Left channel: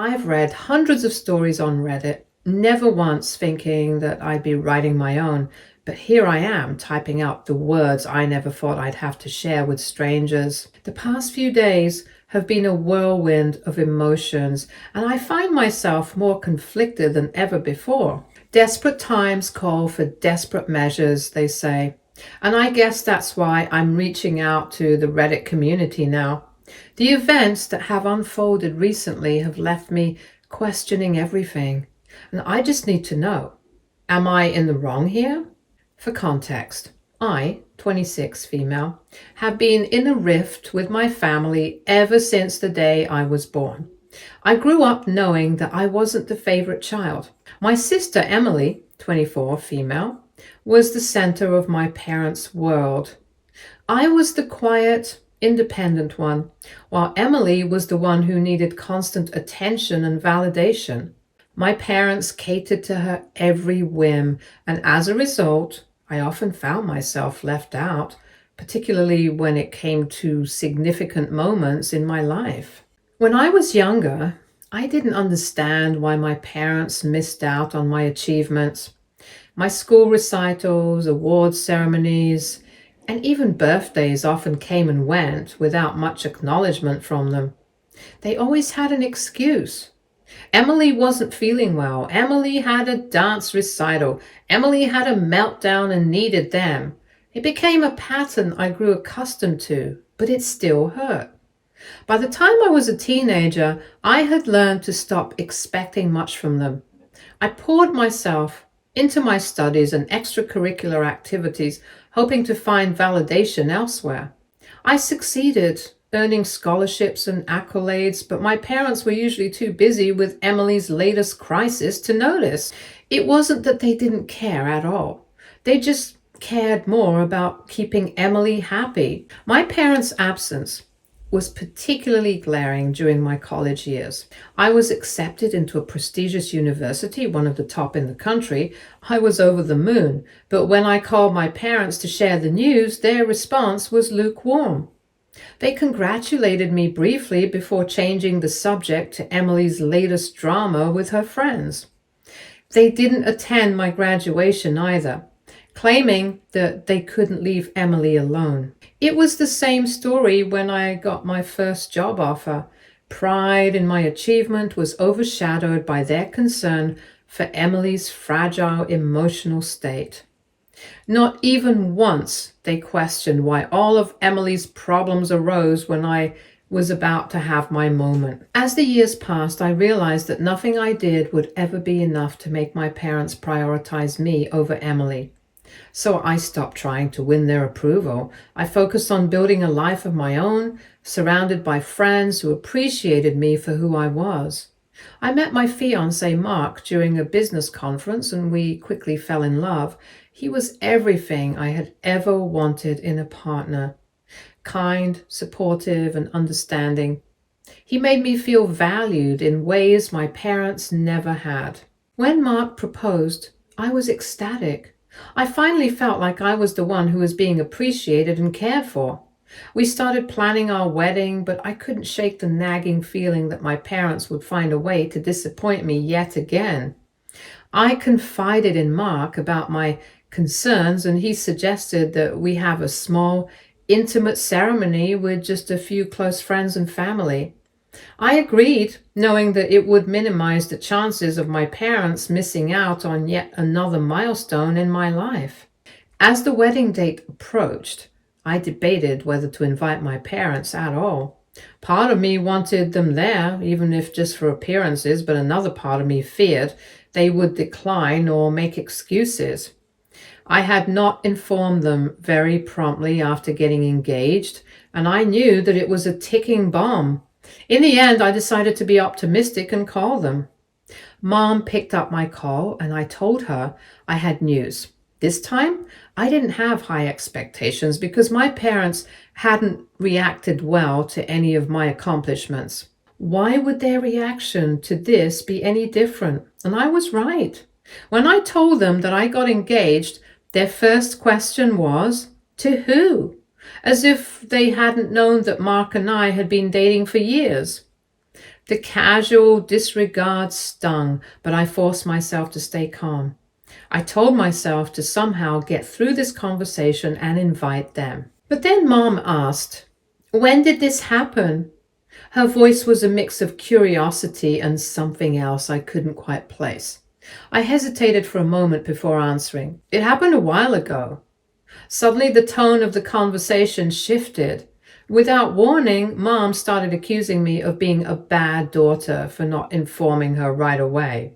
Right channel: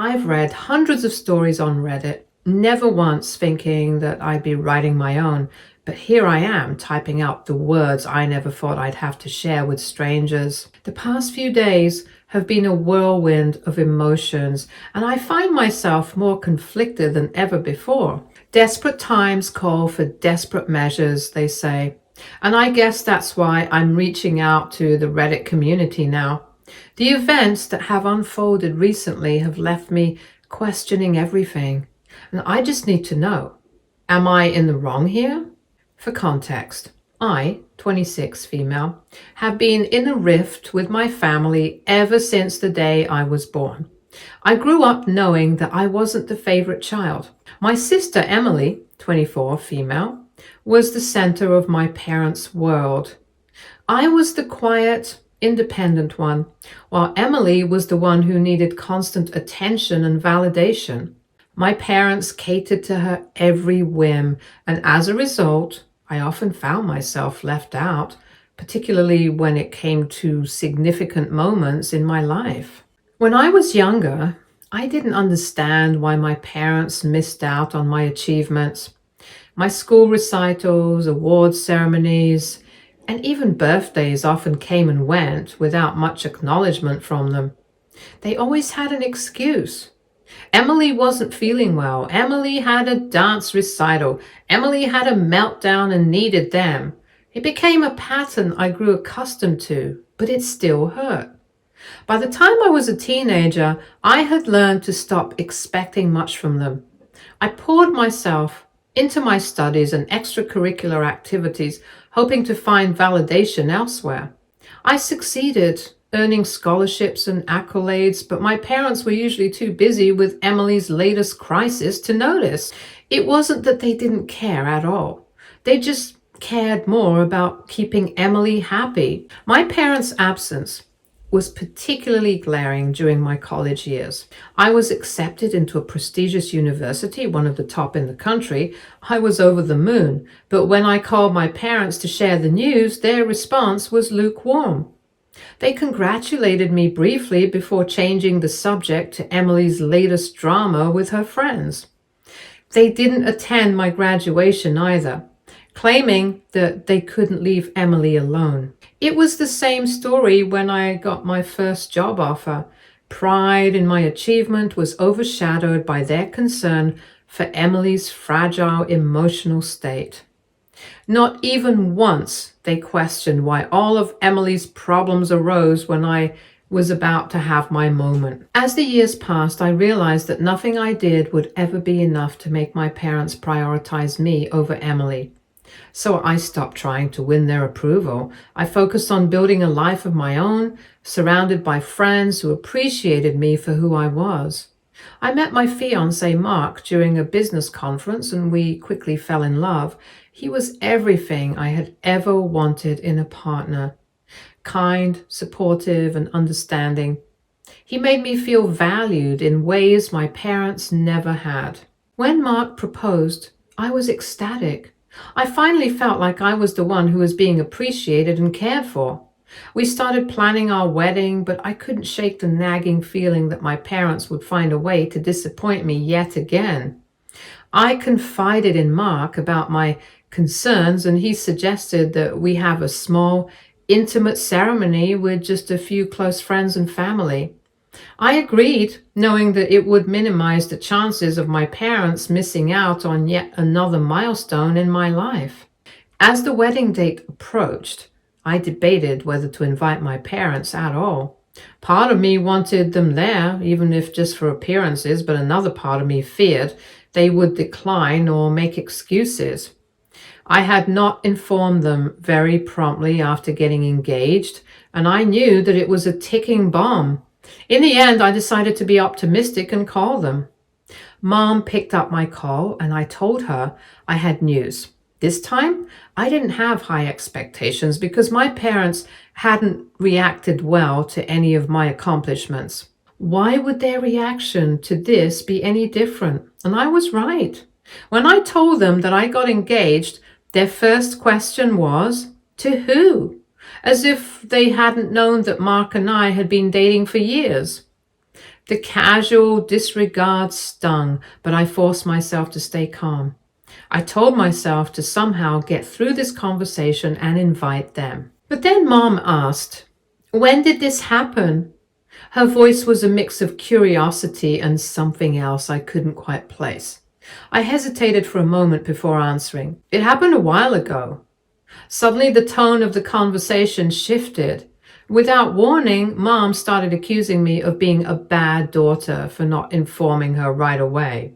I've read hundreds of stories on Reddit, never once thinking that I'd be writing my own, but here I am typing out the words I never thought I'd have to share with strangers. The past few days have been a whirlwind of emotions, and I find myself more conflicted than ever before. Desperate times call for desperate measures, they say. And I guess that's why I'm reaching out to the Reddit community now. The events that have unfolded recently have left me questioning everything. And I just need to know, am I in the wrong here? For context, I, 26 female, have been in a rift with my family ever since the day I was born. I grew up knowing that I wasn't the favorite child. My sister Emily, 24 female, was the center of my parents' world. I was the quiet, independent one, while Emily was the one who needed constant attention and validation. My parents catered to her every whim, and as a result, I often found myself left out, particularly when it came to significant moments in my life. When I was younger, I didn't understand why my parents missed out on my achievements. My school recitals, award ceremonies, and even birthdays often came and went without much acknowledgement from them. They always had an excuse. Emily wasn't feeling well. Emily had a dance recital. Emily had a meltdown and needed them. It became a pattern I grew accustomed to, but it still hurt. By the time I was a teenager, I had learned to stop expecting much from them. I poured myself into my studies and extracurricular activities, hoping to find validation elsewhere. I succeeded, earning scholarships and accolades, but my parents were usually too busy with Emily's latest crisis to notice. It wasn't that they didn't care at all. They just cared more about keeping Emily happy. My parents' absence was particularly glaring during my college years. I was accepted into a prestigious university, one of the top in the country. I was over the moon, but when I called my parents to share the news, their response was lukewarm. They congratulated me briefly before changing the subject to Emily's latest drama with her friends. They didn't attend my graduation either, claiming that they couldn't leave Emily alone. It was the same story when I got my first job offer. Pride in my achievement was overshadowed by their concern for Emily's fragile emotional state. Not even once they questioned why all of Emily's problems arose when I was about to have my moment. As the years passed, I realized that nothing I did would ever be enough to make my parents prioritize me over Emily. So I stopped trying to win their approval. I focused on building a life of my own, surrounded by friends who appreciated me for who I was. I met my fiancé Mark during a business conference, and we quickly fell in love. He was everything I had ever wanted in a partner. Kind, supportive, and understanding. He made me feel valued in ways my parents never had. When Mark proposed, I was ecstatic. I finally felt like I was the one who was being appreciated and cared for. We started planning our wedding, but I couldn't shake the nagging feeling that my parents would find a way to disappoint me yet again. I confided in Mark about my concerns, and he suggested that we have a small, intimate ceremony with just a few close friends and family. I agreed, knowing that it would minimize the chances of my parents missing out on yet another milestone in my life. As the wedding date approached, I debated whether to invite my parents at all. Part of me wanted them there, even if just for appearances, but another part of me feared they would decline or make excuses. I had not informed them very promptly after getting engaged, and I knew that it was a ticking bomb. In the end, I decided to be optimistic and call them. Mom picked up my call, and I told her I had news. This time, I didn't have high expectations because my parents hadn't reacted well to any of my accomplishments. Why would their reaction to this be any different? And I was right. When I told them that I got engaged, their first question was, to who? As if they hadn't known that Mark and I had been dating for years. The casual disregard stung, but I forced myself to stay calm. I told myself to somehow get through this conversation and invite them. But then Mom asked, "When did this happen?" Her voice was a mix of curiosity and something else I couldn't quite place. I hesitated for a moment before answering. "It happened a while ago." Suddenly the tone of the conversation shifted. Without warning, Mom started accusing me of being a bad daughter for not informing her right away.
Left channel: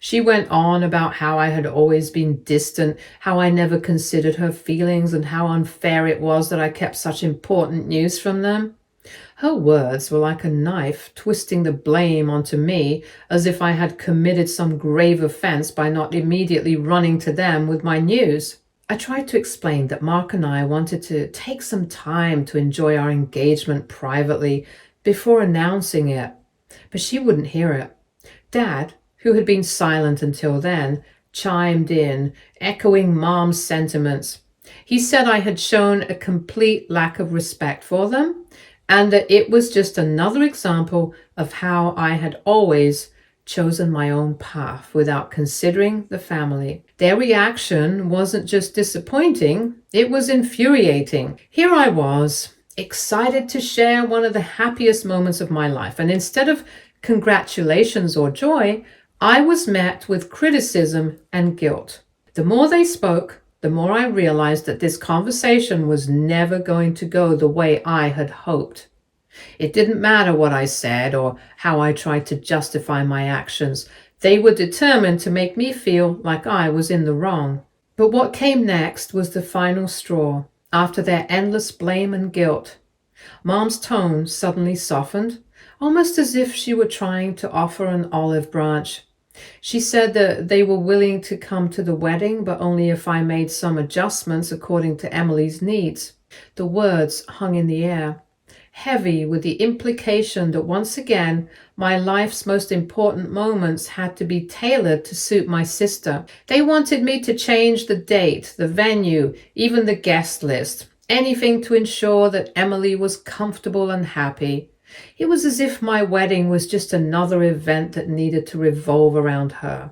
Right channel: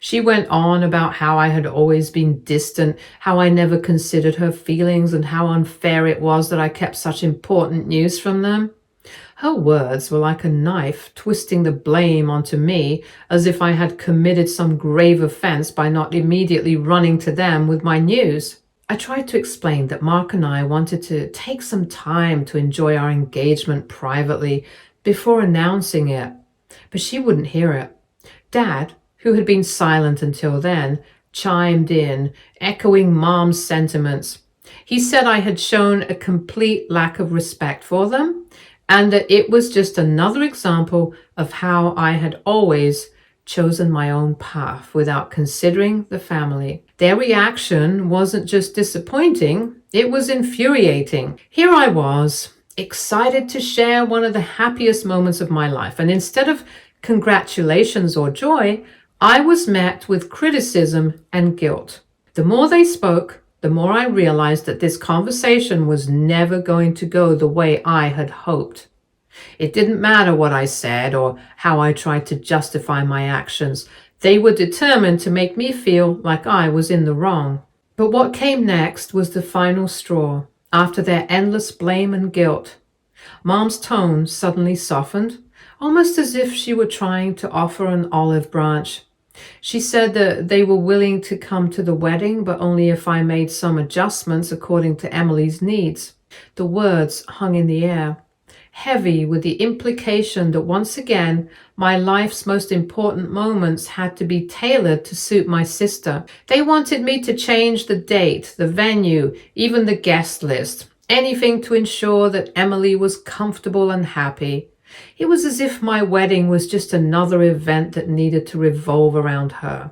She went on about how I had always been distant, how I never considered her feelings, and how unfair it was that I kept such important news from them. Her words were like a knife, twisting the blame onto me as if I had committed some grave offense by not immediately running to them with my news. I tried to explain that Mark and I wanted to take some time to enjoy our engagement privately before announcing it, but she wouldn't hear it. Dad, who had been silent until then, chimed in, echoing Mom's sentiments. He said I had shown a complete lack of respect for them, and that it was just another example of how I had always chosen my own path without considering the family. Their reaction wasn't just disappointing, it was infuriating. Here I was, excited to share one of the happiest moments of my life, and instead of congratulations or joy, I was met with criticism and guilt. The more they spoke, the more I realized that this conversation was never going to go the way I had hoped. It didn't matter what I said or how I tried to justify my actions. They were determined to make me feel like I was in the wrong. But what came next was the final straw. After their endless blame and guilt, Mom's tone suddenly softened, almost as if she were trying to offer an olive branch. She said that they were willing to come to the wedding, but only if I made some adjustments according to Emily's needs. The words hung in the air, heavy with the implication that once again, my life's most important moments had to be tailored to suit my sister. They wanted me to change the date, the venue, even the guest list, anything to ensure that Emily was comfortable and happy. It was as if my wedding was just another event that needed to revolve around her.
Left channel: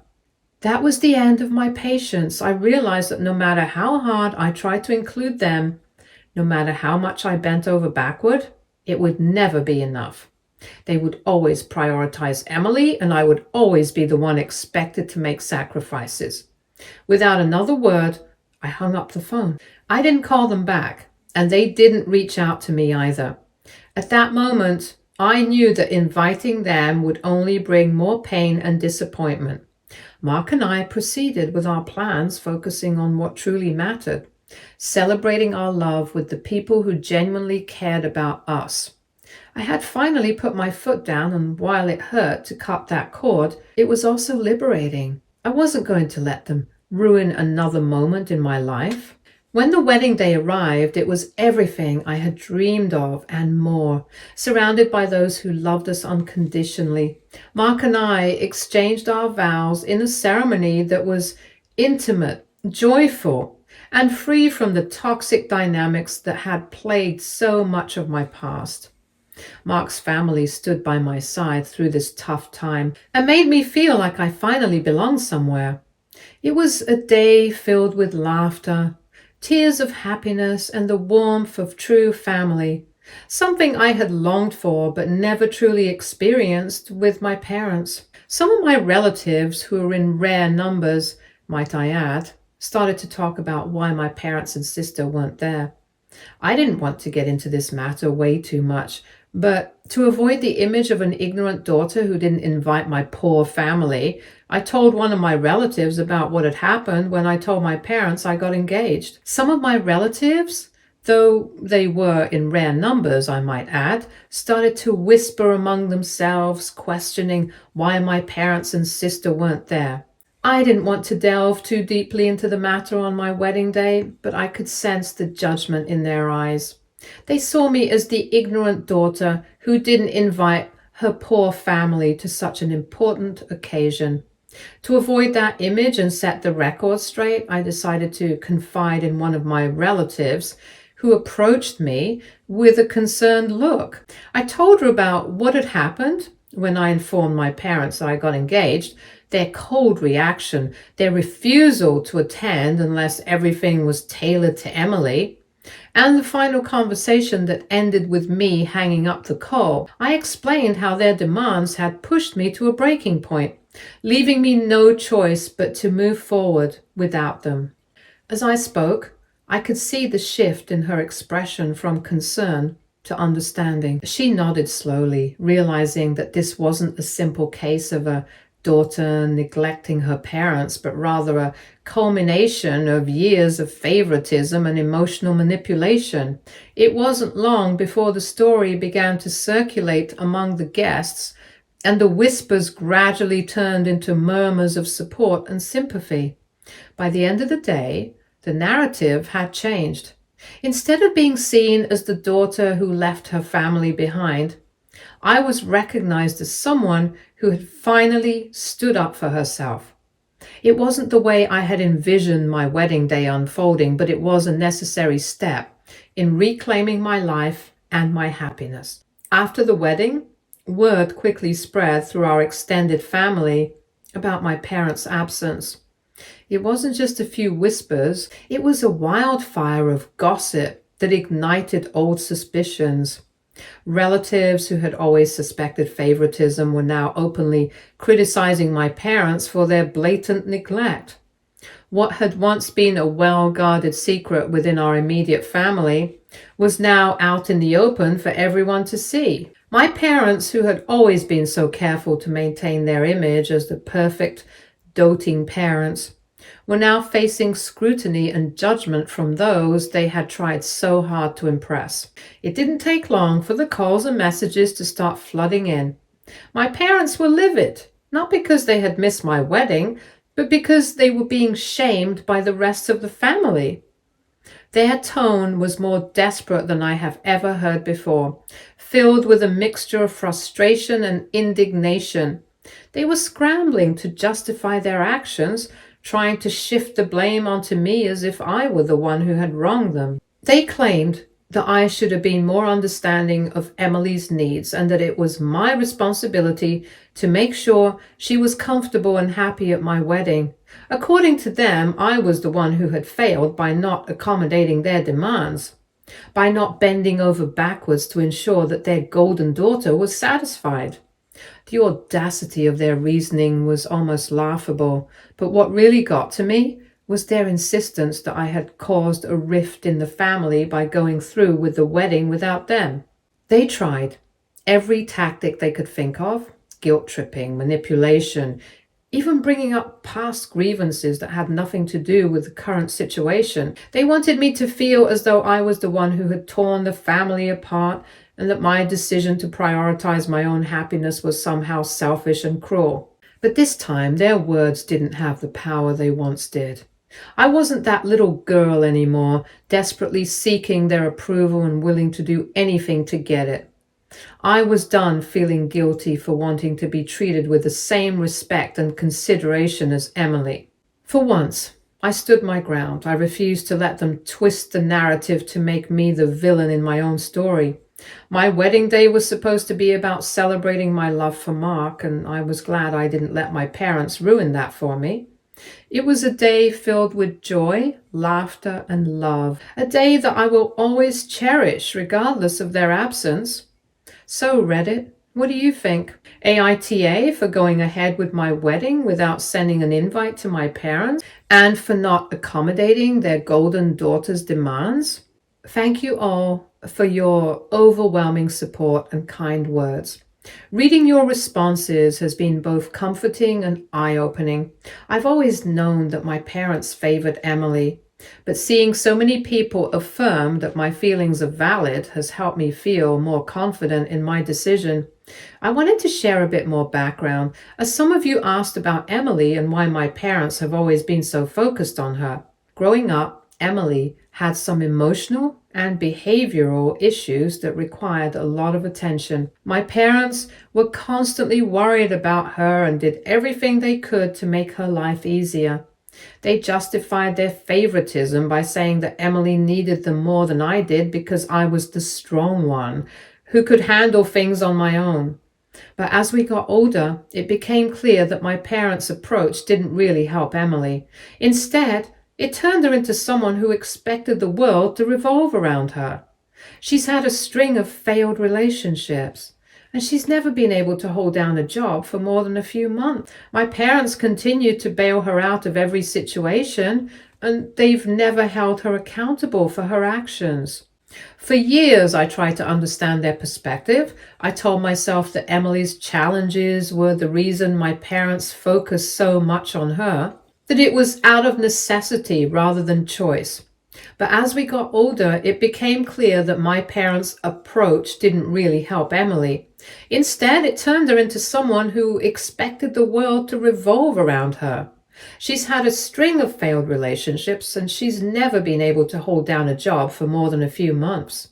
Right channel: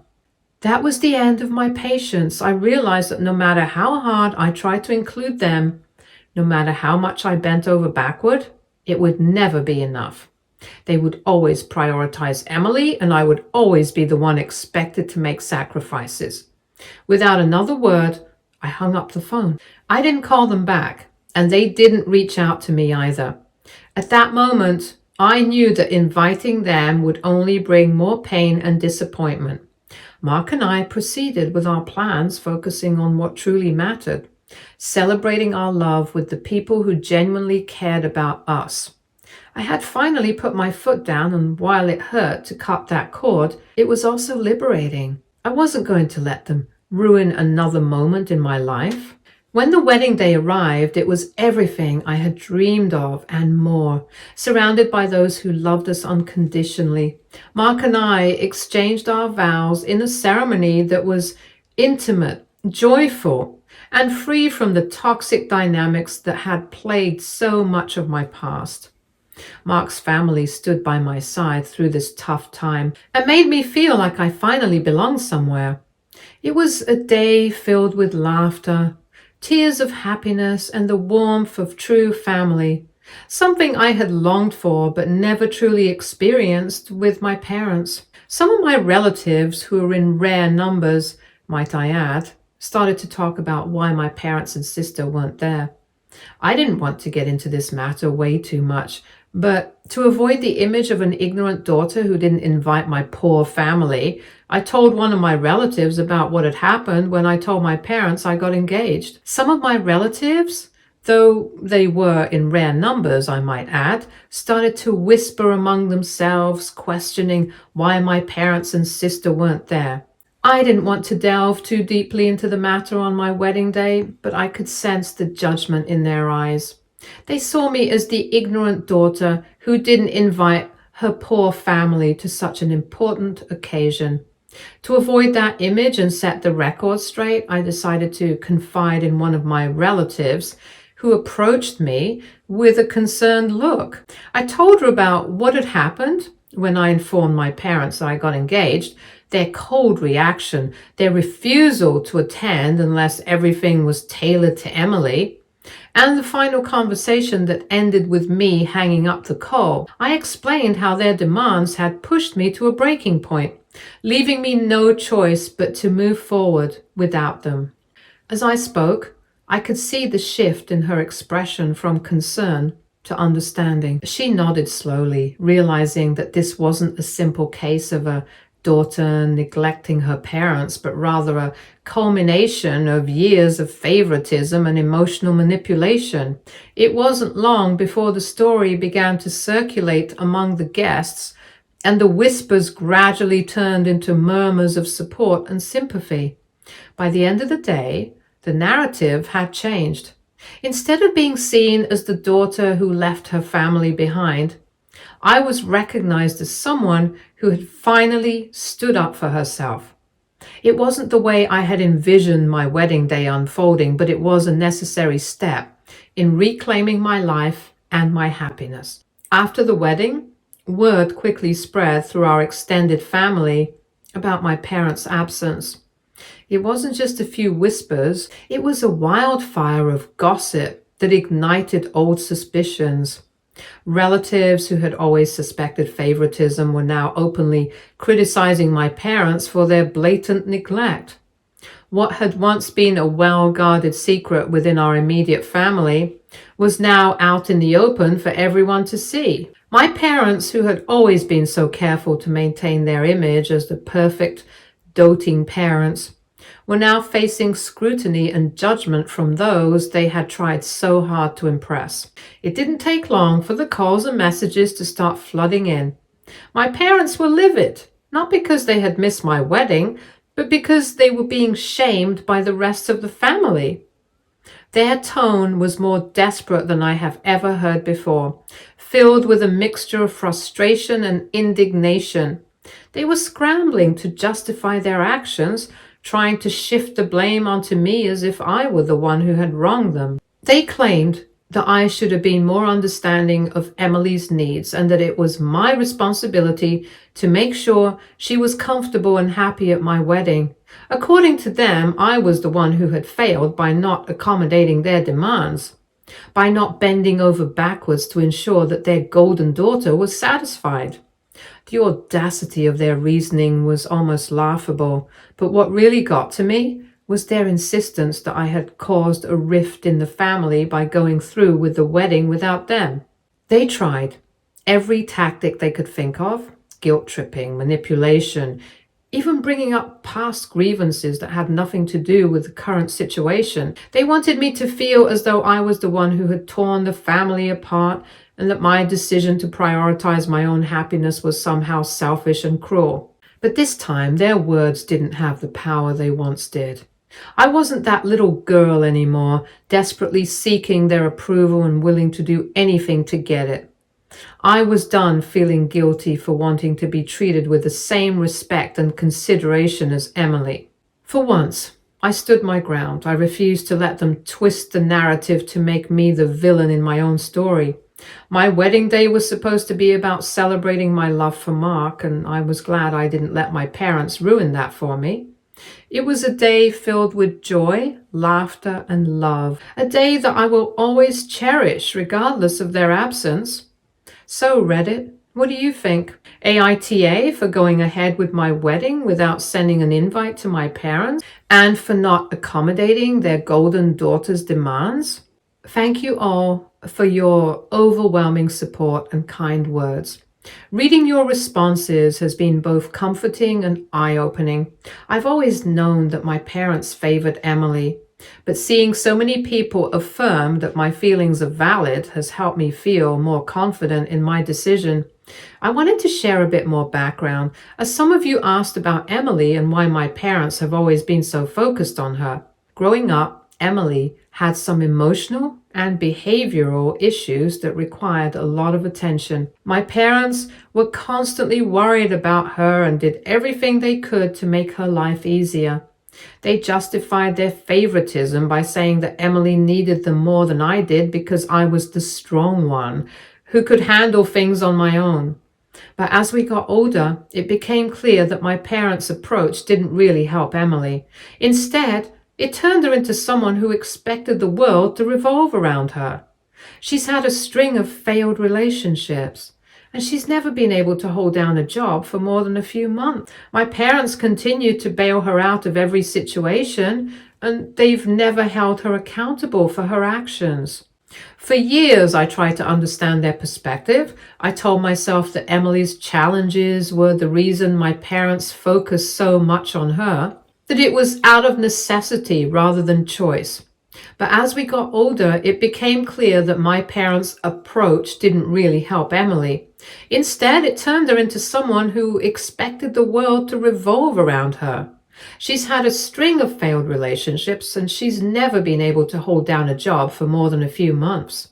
That was the end of my patience. I realized that no matter how hard I tried to include them, no matter how much I bent over backward, it would never be enough. They would always prioritize Emily, and I would always be the one expected to make sacrifices. Without another word, I hung up the phone. I didn't call them back, and they didn't reach out to me either. At that moment, I knew that inviting them would only bring more pain and disappointment. Mark and I proceeded with our plans, focusing on what truly mattered, celebrating our love with the people who genuinely cared about us. I had finally put my foot down, and while it hurt to cut that cord, it was also liberating. I wasn't going to let them ruin another moment in my life. When the wedding day arrived, it was everything I had dreamed of and more, surrounded by those who loved us unconditionally. Mark and I exchanged our vows in a ceremony that was intimate, joyful, and free from the toxic dynamics that had plagued so much of my past. Mark's family stood by my side through this tough time and made me feel like I finally belonged somewhere. It was a day filled with laughter, tears of happiness, and the warmth of true family, something I had longed for but never truly experienced with my parents. Some of my relatives, who were in rare numbers, might I add, started to talk about why my parents and sister weren't there. I didn't want to get into this matter way too much, but to avoid the image of an ignorant daughter who didn't invite my poor family, I told one of my relatives about what had happened when I told my parents I got engaged. Some of my relatives, though they were in rare numbers, I might add, started to whisper among themselves, questioning why my parents and sister weren't there. I didn't want to delve too deeply into the matter on my wedding day, but I could sense the judgment in their eyes. They saw me as the ignorant daughter who didn't invite her poor family to such an important occasion. To avoid that image and set the record straight, I decided to confide in one of my relatives, who approached me with a concerned look. I told her about what had happened When I informed my parents I got engaged, their cold reaction, their refusal to attend unless everything was tailored to Emily, and the final conversation that ended with me hanging up the call, I explained how their demands had pushed me to a breaking point, leaving me no choice but to move forward without them. As I spoke, I could see the shift in her expression from concern to understanding. She nodded slowly, realizing that this wasn't a simple case of a daughter neglecting her parents, but rather a culmination of years of favoritism and emotional manipulation. It wasn't long before the story began to circulate among the guests, and the whispers gradually turned into murmurs of support and sympathy. By the end of the day, the narrative had changed. Instead of being seen as the daughter who left her family behind, I was recognized as someone who had finally stood up for herself. It wasn't the way I had envisioned my wedding day unfolding, but it was a necessary step in reclaiming my life and my happiness. After the wedding, word quickly spread through our extended family about my parents' absence. It wasn't just a few whispers, it was a wildfire of gossip that ignited old suspicions. Relatives who had always suspected favoritism were now openly criticizing my parents for their blatant neglect. What had once been a well-guarded secret within our immediate family was now out in the open for everyone to see. My parents, who had always been so careful to maintain their image as the perfect, doting parents, were now facing scrutiny and judgment from those they had tried so hard to impress. It didn't take long for the calls and messages to start flooding in. My parents were livid, not because they had missed my wedding, but because they were being shamed by the rest of the family. Their tone was more desperate than I have ever heard before, filled with a mixture of frustration and indignation. They were scrambling to justify their actions, trying to shift the blame onto me as if I were the one who had wronged them. They claimed that I should have been more understanding of Emily's needs and that it was my responsibility to make sure she was comfortable and happy at my wedding. According to them, I was the one who had failed by not accommodating their demands, by not bending over backwards to ensure that their golden daughter was satisfied. The audacity of their reasoning was almost laughable, but what really got to me was their insistence that I had caused a rift in the family by going through with the wedding without them. They tried every tactic they could think of: guilt-tripping, manipulation, even bringing up past grievances that had nothing to do with the current situation. They wanted me to feel as though I was the one who had torn the family apart and that my decision to prioritize my own happiness was somehow selfish and cruel. But this time, their words didn't have the power they once did. I wasn't that little girl anymore, desperately seeking their approval and willing to do anything to get it. I was done feeling guilty for wanting to be treated with the same respect and consideration as Emily. For once, I stood my ground. I refused to let them twist the narrative to make me the villain in my own story. My wedding day was supposed to be about celebrating my love for Mark, and I was glad I didn't let my parents ruin that for me. It was a day filled with joy, laughter, and love, a day that I will always cherish regardless of their absence. So, Reddit, what do you think? AITA for going ahead with my wedding without sending an invite to my parents and for not accommodating their golden daughter's demands? Thank you all for your overwhelming support and kind words. Reading your responses has been both comforting and eye-opening. I've always known that my parents favored Emily, but seeing so many people affirm that my feelings are valid has helped me feel more confident in my decision. I wanted to share a bit more background, as some of you asked about Emily and why my parents have always been so focused on her. Growing up, Emily had some emotional and behavioral issues that required a lot of attention. My parents were constantly worried about her and did everything they could to make her life easier. They justified their favoritism by saying that Emily needed them more than I did because I was the strong one who could handle things on my own. But as we got older, it became clear that my parents' approach didn't really help Emily. Instead, it turned her into someone who expected the world to revolve around her. She's had a string of failed relationships, and she's never been able to hold down a job for more than a few months. My parents continued to bail her out of every situation, and they've never held her accountable for her actions. For years, I tried to understand their perspective. I told myself that Emily's challenges were the reason my parents focused so much on her, that it was out of necessity rather than choice. But as we got older, it became clear that my parents' approach didn't really help Emily. Instead, it turned her into someone who expected the world to revolve around her. She's had a string of failed relationships, and she's never been able to hold down a job for more than a few months.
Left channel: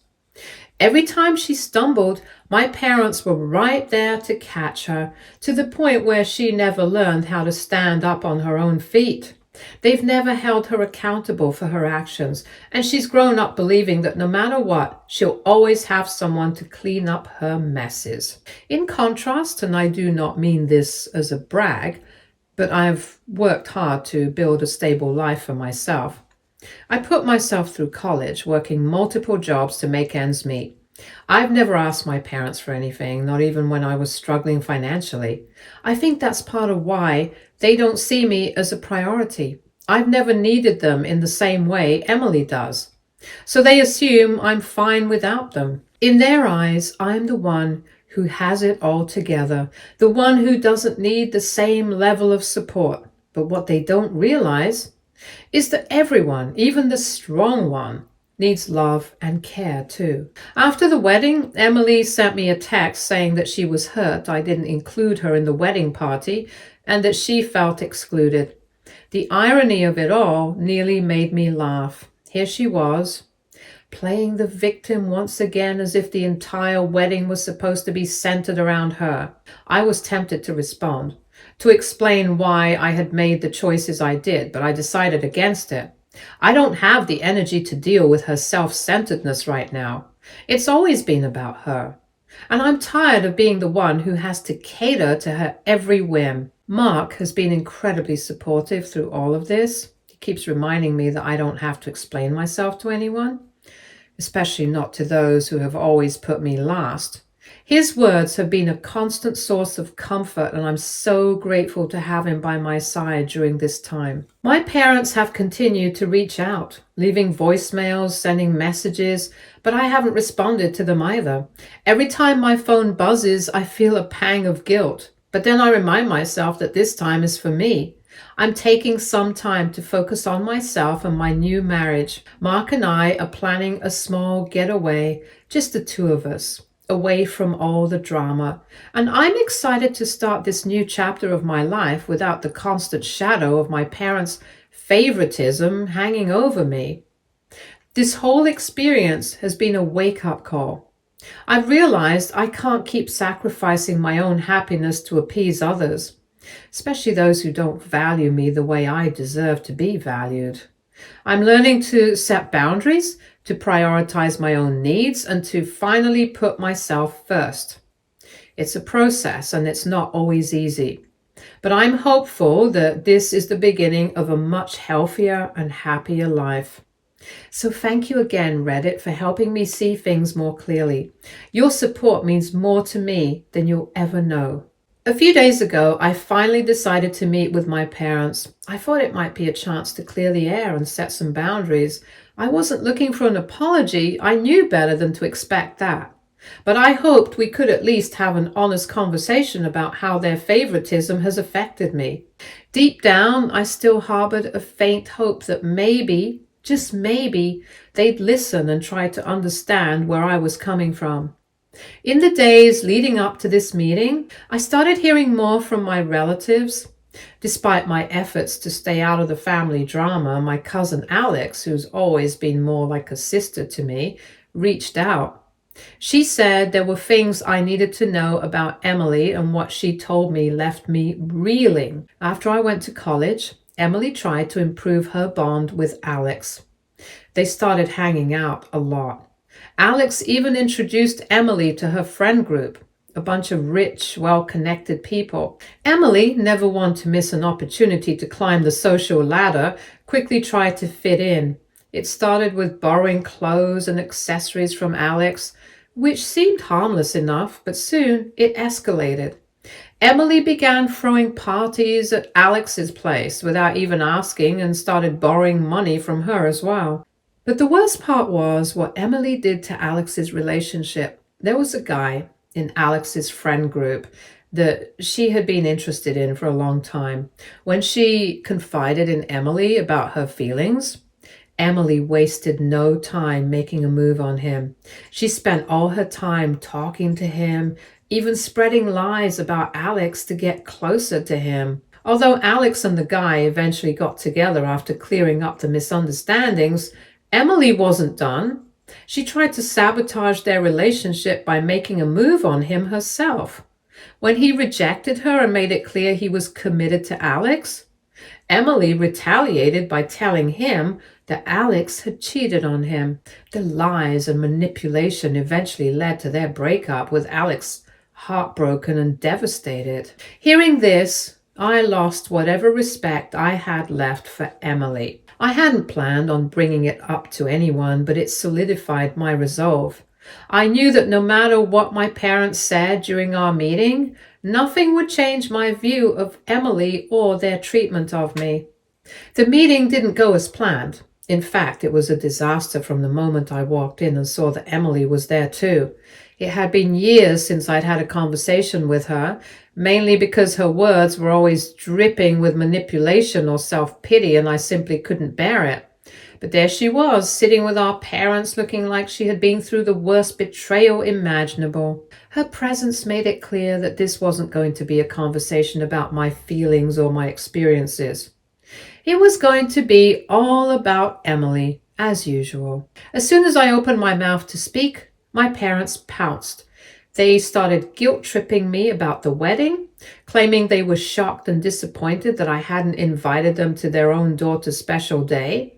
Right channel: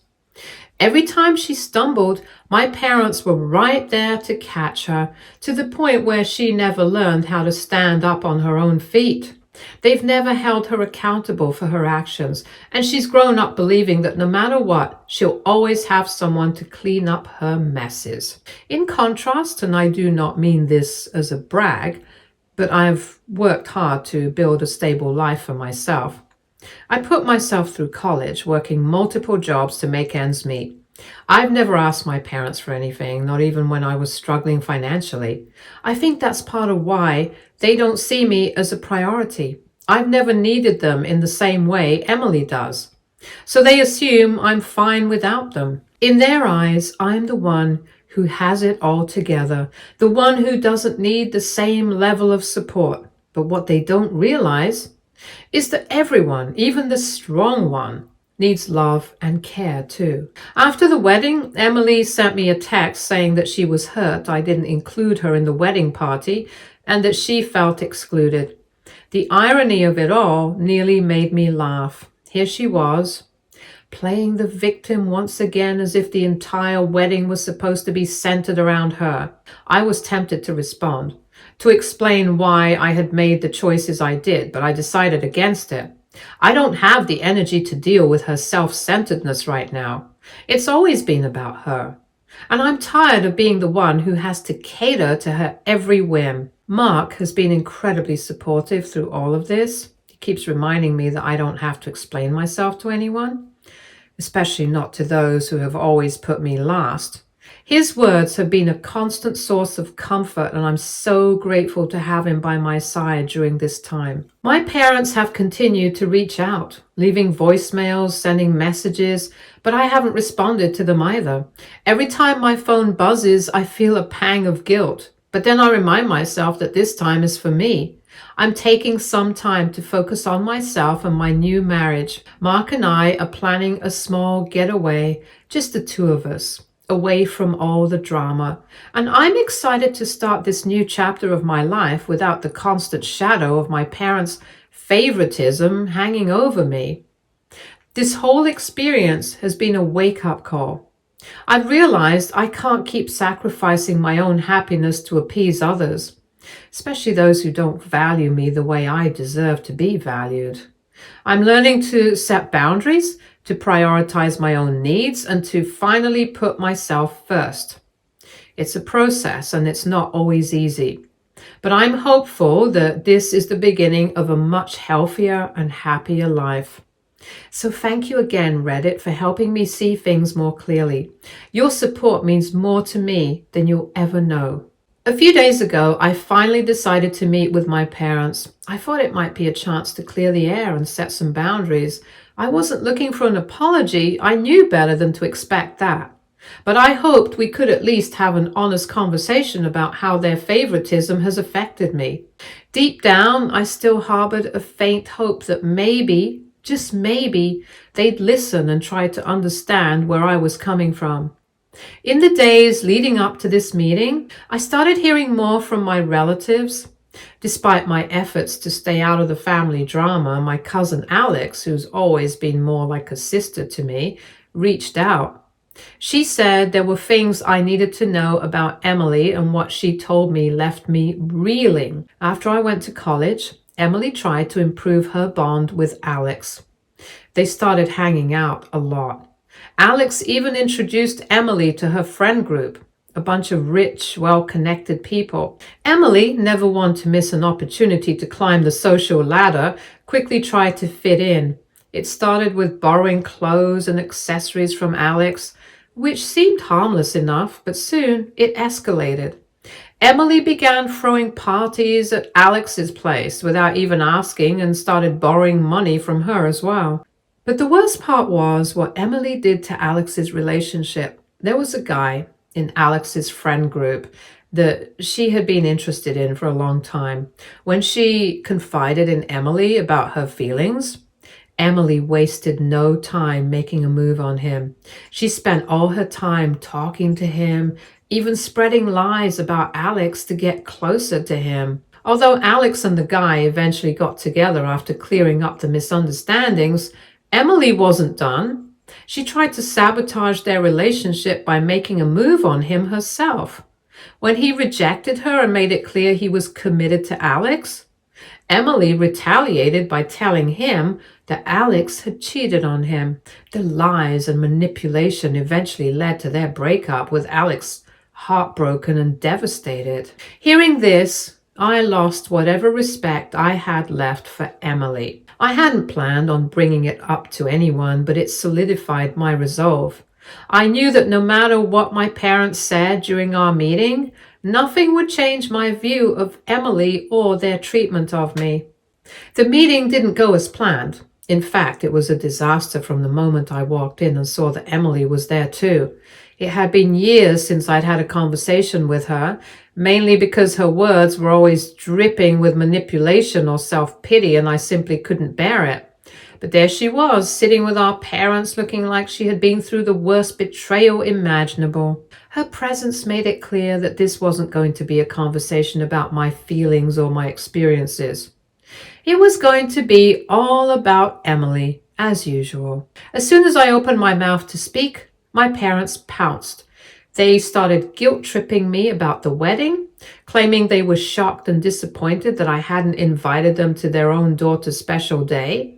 Every time she stumbled, my parents were right there to catch her, to the point where she never learned how to stand up on her own feet. They've never held her accountable for her actions, and she's grown up believing that no matter what, she'll always have someone to clean up her messes. In contrast, and I do not mean this as a brag, but I've worked hard to build a stable life for myself. I put myself through college, working multiple jobs to make ends meet. I've never asked my parents for anything, not even when I was struggling financially. I think that's part of why they don't see me as a priority. I've never needed them in the same way Emily does. So they assume I'm fine without them. In their eyes, I'm the one who has it all together, the one who doesn't need the same level of support. But what they don't realize is that everyone, even the strong one, needs love and care too. After the wedding, Emily sent me a text saying that she was hurt I didn't include her in the wedding party and that she felt excluded. The irony of it all nearly made me laugh. Here she was, playing the victim once again as if the entire wedding was supposed to be centered around her. I was tempted to respond, to explain why I had made the choices I did, but I decided against it. I don't have the energy to deal with her self-centeredness right now. It's always been about her. And I'm tired of being the one who has to cater to her every whim. Mark has been incredibly supportive through all of this. He keeps reminding me that I don't have to explain myself to anyone, especially not to those who have always put me last. His words have been a constant source of comfort, and I'm so grateful to have him by my side during this time. My parents have continued to reach out, leaving voicemails, sending messages, but I haven't responded to them either. Every time my phone buzzes, I feel a pang of guilt, but then I remind myself that this time is for me. I'm taking some time to focus on myself and my new marriage. Mark and I are planning a small getaway, just the two of us, away from all the drama. And I'm excited to start this new chapter of my life without the constant shadow of my parents' favoritism hanging over me. This whole experience has been a wake-up call. I've realized I can't keep sacrificing my own happiness to appease others, especially those who don't value me the way I deserve to be valued. I'm learning to set boundaries, to prioritize my own needs, and to finally put myself first. It's a process, and it's not always easy. But I'm hopeful that this is the beginning of a much healthier and happier life. So thank you again, Reddit, for helping me see things more clearly. Your support means more to me than you'll ever know. A few days ago, I finally decided to meet with my parents. I thought it might be a chance to clear the air and set some boundaries. I wasn't looking for an apology. I knew better than to expect that. But I hoped we could at least have an honest conversation about how their favoritism has affected me. Deep down, I still harbored a faint hope that maybe, just maybe, they'd listen and try to understand where I was coming from. In the days leading up to this meeting, I started hearing more from my relatives. Despite my efforts to stay out of the family drama, my cousin Alex, who's always been more like a sister to me, reached out. She said there were things I needed to know about Emily, and what she told me left me reeling. After I went to college, Emily tried to improve her bond with Alex. They started hanging out a lot. Alex even introduced Emily to her friend group. a bunch of rich, well-connected people. Emily, never one to miss an opportunity to climb the social ladder, quickly tried to fit in. It started with borrowing clothes and accessories from Alex, which seemed harmless enough, but soon it escalated. Emily began throwing parties at Alex's place without even asking and started borrowing money from her as well. But the worst part was what Emily did to Alex's relationship. There was a guy in Alex's friend group that she had been interested in for a long time. When she confided in Emily about her feelings, Emily wasted no time making a move on him. She spent all her time talking to him, even spreading lies about Alex to get closer to him. Although Alex and the guy eventually got together after clearing up the misunderstandings, Emily wasn't done. She tried to sabotage their relationship by making a move on him herself. When he rejected her and made it clear he was committed to Alex, Emily retaliated by telling him that Alex had cheated on him. The lies and manipulation eventually led to their breakup, with Alex heartbroken and devastated. Hearing this, I lost whatever respect I had left for Emily. I hadn't planned on bringing it up to anyone, but it solidified my resolve. I knew that no matter what my parents said during our meeting, nothing would change my view of Emily or their treatment of me. The meeting didn't go as planned. In fact, it was a disaster from the moment I walked in and saw that Emily was there too. It had been years since I'd had a conversation with her, mainly because her words were always dripping with manipulation or self-pity, and I simply couldn't bear it. But there she was, sitting with our parents, looking like she had been through the worst betrayal imaginable. Her presence made it clear that this wasn't going to be a conversation about my feelings or my experiences. It was going to be all about Emily, as usual. As soon as I opened my mouth to speak, my parents pounced. They started guilt-tripping me about the wedding, claiming they were shocked and disappointed that I hadn't invited them to their own daughter's special day.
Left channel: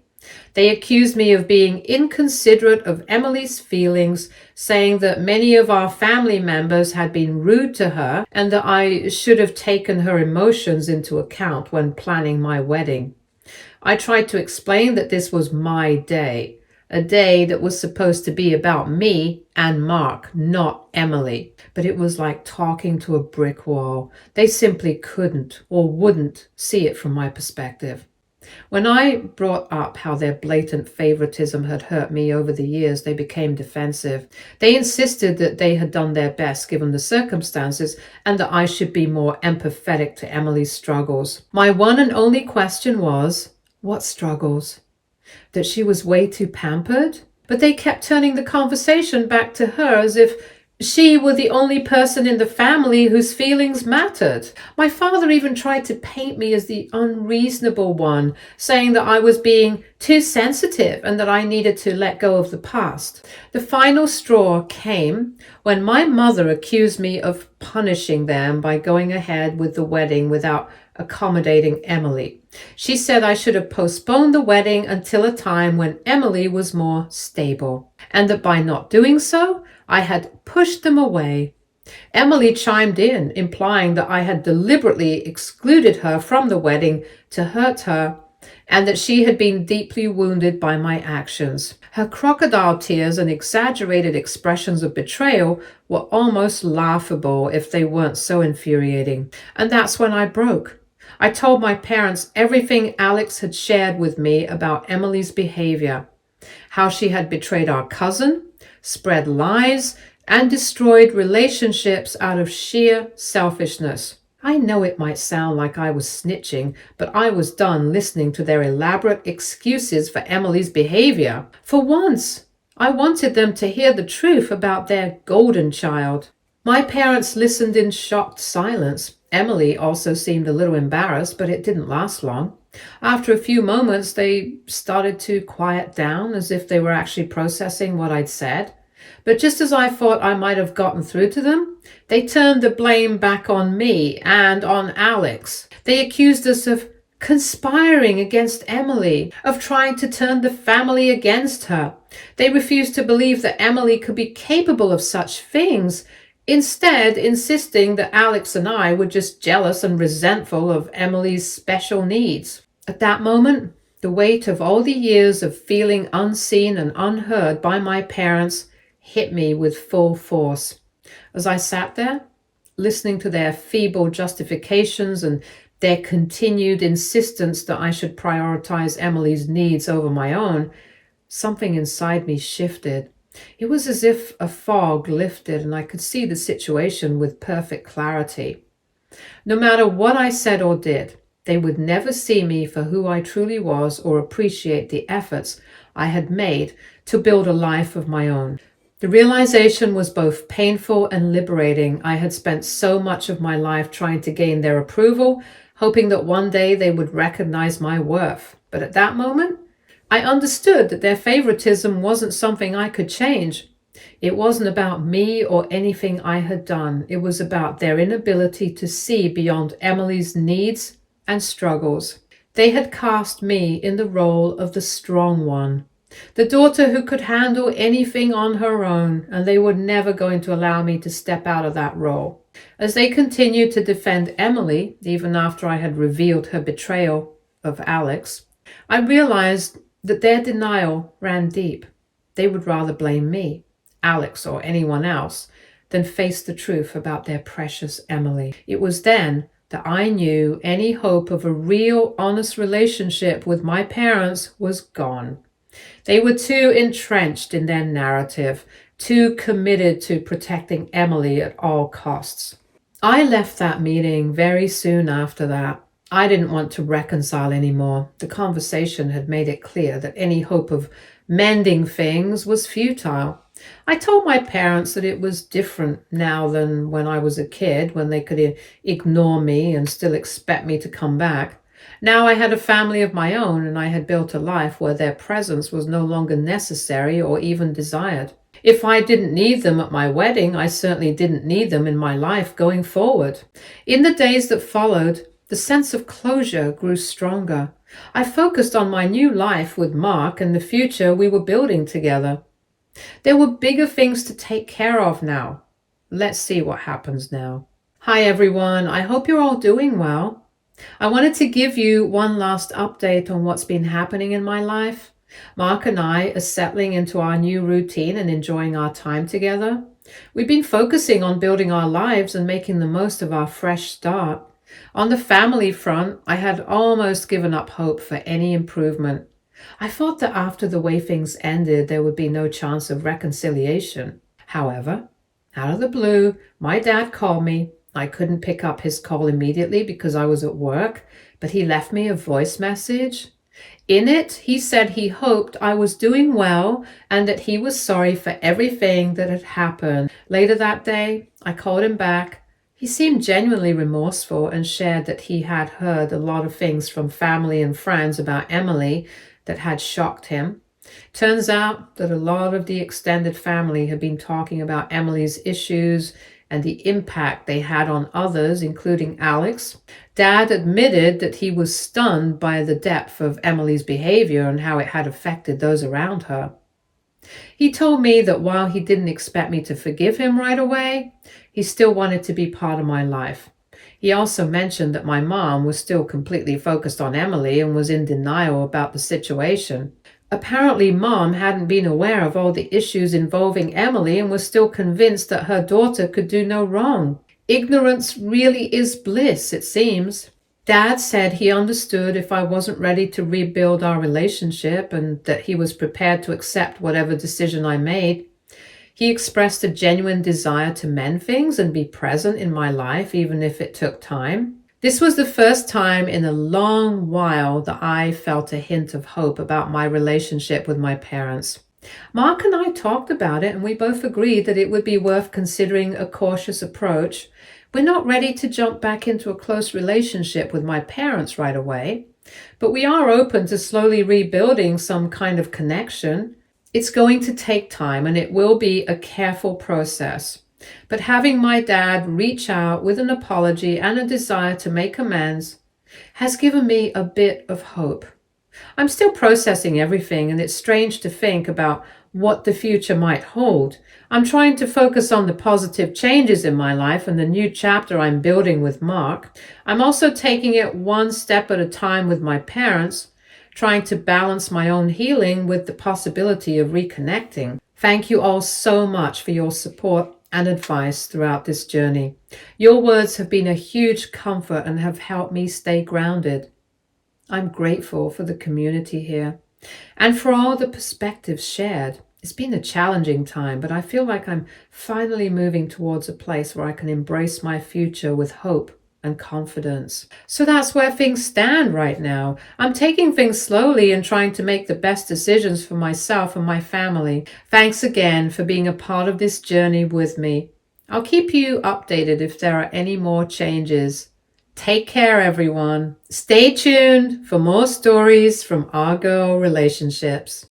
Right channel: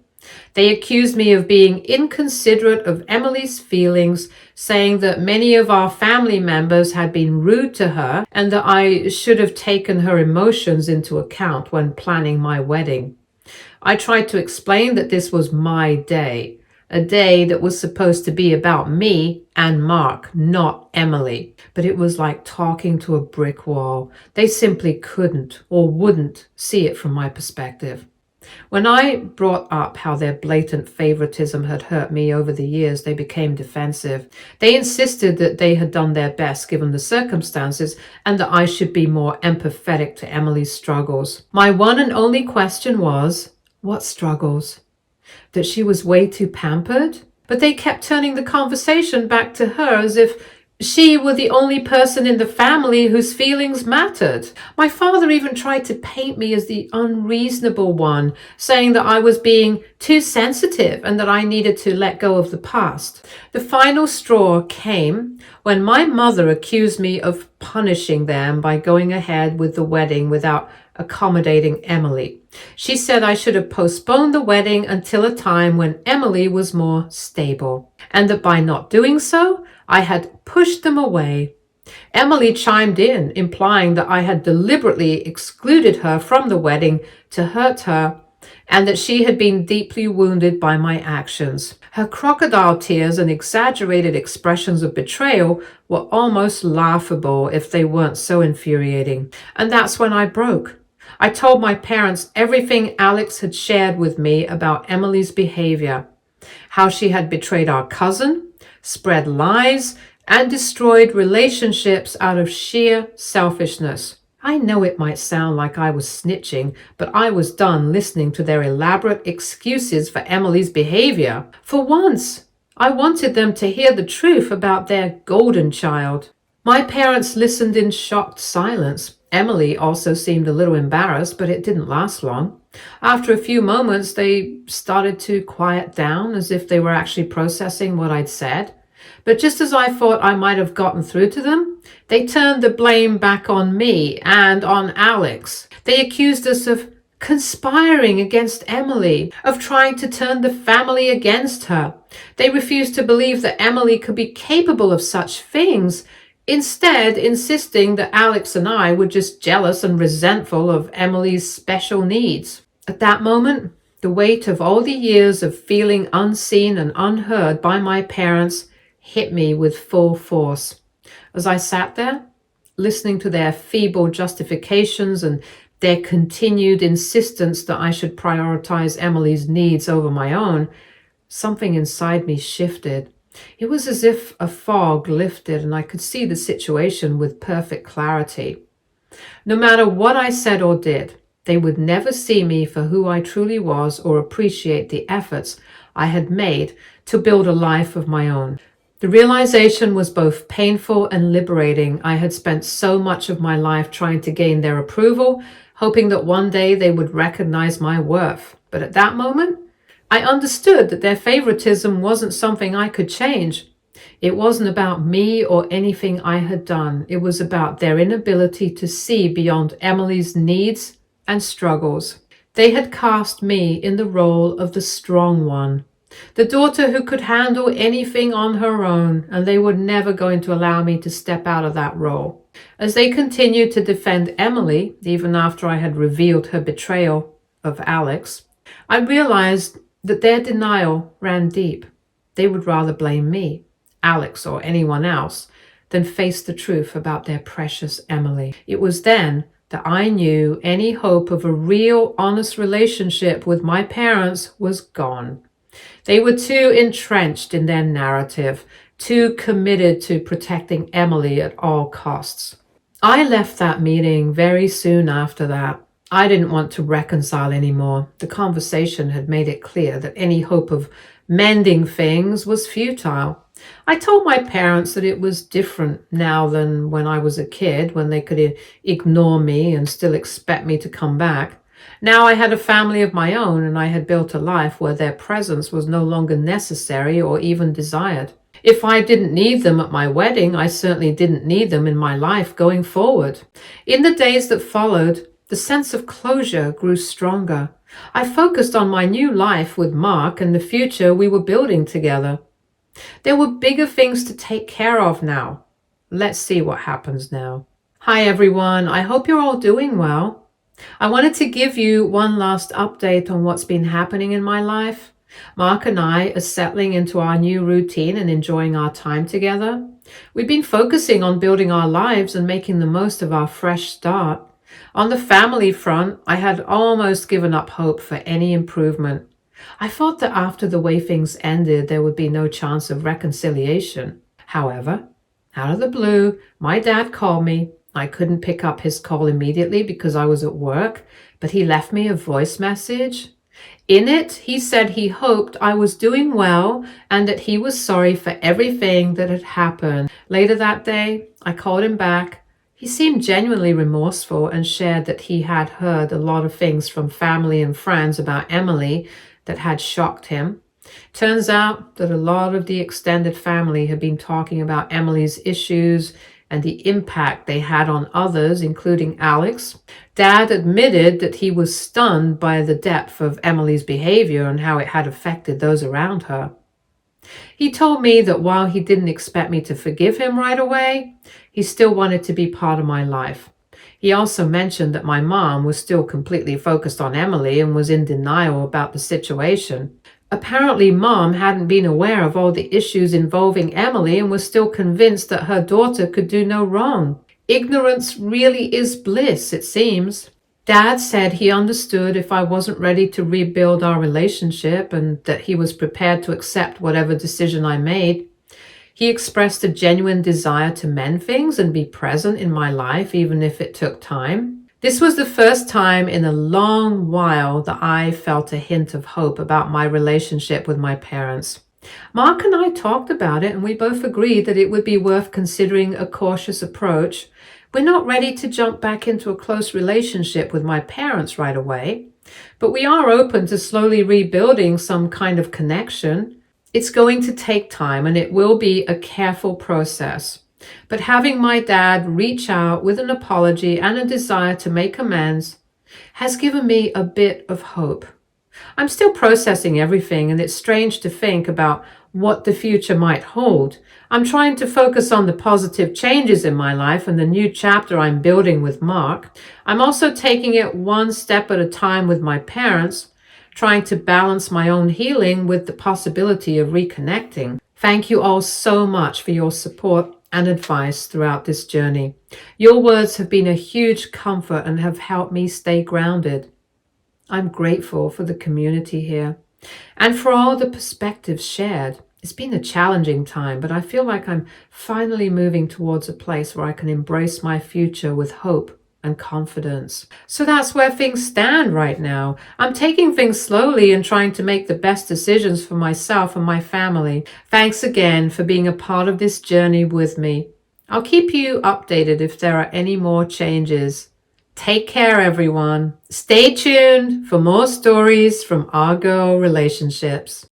They accused me of being inconsiderate of Emily's feelings, saying that many of our family members had been rude to her and that I should have taken her emotions into account when planning my wedding. I tried to explain that this was my day, a day that was supposed to be about me and Mark, not Emily. But it was like talking to a brick wall. They simply couldn't or wouldn't see it from my perspective. When I brought up how their blatant favoritism had hurt me over the years, they became defensive. They insisted that they had done their best given the circumstances and that I should be more empathetic to Emily's struggles. My one and only question was, what struggles? That she was way too pampered? But they kept turning the conversation back to her as if she were the only person in the family whose feelings mattered. My father even tried to paint me as the unreasonable one, saying that I was being too sensitive and that I needed to let go of the past. The final straw came when my mother accused me of punishing them by going ahead with the wedding without accommodating Emily. She said I should have postponed the wedding until a time when Emily was more stable, and that by not doing so, I had pushed them away. Emily chimed in, implying that I had deliberately excluded her from the wedding to hurt her, and that she had been deeply wounded by my actions. Her crocodile tears and exaggerated expressions of betrayal were almost laughable if they weren't so infuriating. And that's when I broke. I told my parents everything Alex had shared with me about Emily's behavior, how she had betrayed our cousin, spread lies, and destroyed relationships out of sheer selfishness. I know it might sound like I was snitching, but I was done listening to their elaborate excuses for Emily's behavior. For once, I wanted them to hear the truth about their golden child. My parents listened in shocked silence. Emily also seemed a little embarrassed, but it didn't last long. After a few moments, they started to quiet down as if they were actually processing what I'd said. But just as I thought I might have gotten through to them, they turned the blame back on me and on Alex. They accused us of conspiring against Emily, of trying to turn the family against her. They refused to believe that Emily could be capable of such things. instead insisting that Alex and I were just jealous and resentful of Emily's special needs. At that moment, the weight of all the years of feeling unseen and unheard by my parents hit me with full force. As I sat there, listening to their feeble justifications and their continued insistence that I should prioritize Emily's needs over my own, something inside me shifted. It was as if a fog lifted and I could see the situation with perfect clarity. No matter what I said or did, they would never see me for who I truly was or appreciate the efforts I had made to build a life of my own. The realization was both painful and liberating. I had spent so much of my life trying to gain their approval, hoping that one day they would recognize my worth. But at that moment, I understood that their favoritism wasn't something I could change. It wasn't about me or anything I had done. It was about their inability to see beyond Emily's needs and struggles. They had cast me in the role of the strong one, the daughter who could handle anything on her own, and they were never going to allow me to step out of that role. As they continued to defend Emily, even after I had revealed her betrayal of Alex, I realized that their denial ran deep. They would rather blame me, Alex, or anyone else than face the truth about their precious Emily. It was then that I knew any hope of a real, honest relationship with my parents was gone. They were too entrenched in their narrative, too committed to protecting Emily at all costs. I left that meeting very soon after that. I didn't want to reconcile anymore. The conversation had made it clear that any hope of mending things was futile. I told my parents that it was different now than when I was a kid, when they could ignore me and still expect me to come back. Now I had a family of my own, and I had built a life where their presence was no longer necessary or even desired. If I didn't need them at my wedding, I certainly didn't need them in my life going forward. In the days that followed, the sense of closure grew stronger. I focused on my new life with Mark and the future we were building together. There were bigger things to take care of now. Let's see what happens now. Hi everyone, I hope you're all doing well. I wanted to give you one last update on what's been happening in my life. Mark and I are settling into our new routine and enjoying our time together. We've been focusing on building our lives and making the most of our fresh start. On the family front, I had almost given up hope for any improvement. I thought that after the way things ended, there would be no chance of reconciliation. However, out of the blue, my dad called me. I couldn't pick up his call immediately because I was at work, but he left me a voice message. In it, he said he hoped I was doing well and that he was sorry for everything that had happened. Later that day, I called him back. He seemed genuinely remorseful and shared that he had heard a lot of things from family and friends about Emily that had shocked him. Turns out that a lot of the extended family had been talking about Emily's issues and the impact they had on others, including Alex. Dad admitted that he was stunned by the depth of Emily's behavior and how it had affected those around her. He told me that while he didn't expect me to forgive him right away, he still wanted to be part of my life. He also mentioned that my mom was still completely focused on Emily and was in denial about the situation. Apparently, Mom hadn't been aware of all the issues involving Emily and was still convinced that her daughter could do no wrong. Ignorance really is bliss, it seems. Dad said he understood if I wasn't ready to rebuild our relationship and that he was prepared to accept whatever decision I made. He expressed a genuine desire to mend things and be present in my life, even if it took time. This was the first time in a long while that I felt a hint of hope about my relationship with my parents. Mark and I talked about it, and we both agreed that it would be worth considering a cautious approach. We're not ready to jump back into a close relationship with my parents right away, but we are open to slowly rebuilding some kind of connection. It's going to take time, and it will be a careful process. But having my dad reach out with an apology and a desire to make amends has given me a bit of hope. I'm still processing everything, and it's strange to think about what the future might hold. I'm trying to focus on the positive changes in my life and the new chapter I'm building with Mark. I'm also taking it one step at a time with my parents, trying to balance my own healing with the possibility of reconnecting. Thank you all so much for your support and advice throughout this journey. Your words have been a huge comfort and have helped me stay grounded. I'm grateful for the community here and for all the perspectives shared. It's been a challenging time, but I feel like I'm finally moving towards a place where I can embrace my future with hope and confidence. So that's where things stand right now. I'm taking things slowly and trying to make the best decisions for myself and my family. Thanks again for being a part of this journey with me. I'll keep you updated if there are any more changes. Take care, everyone. Stay tuned for more stories from Argo Relationships.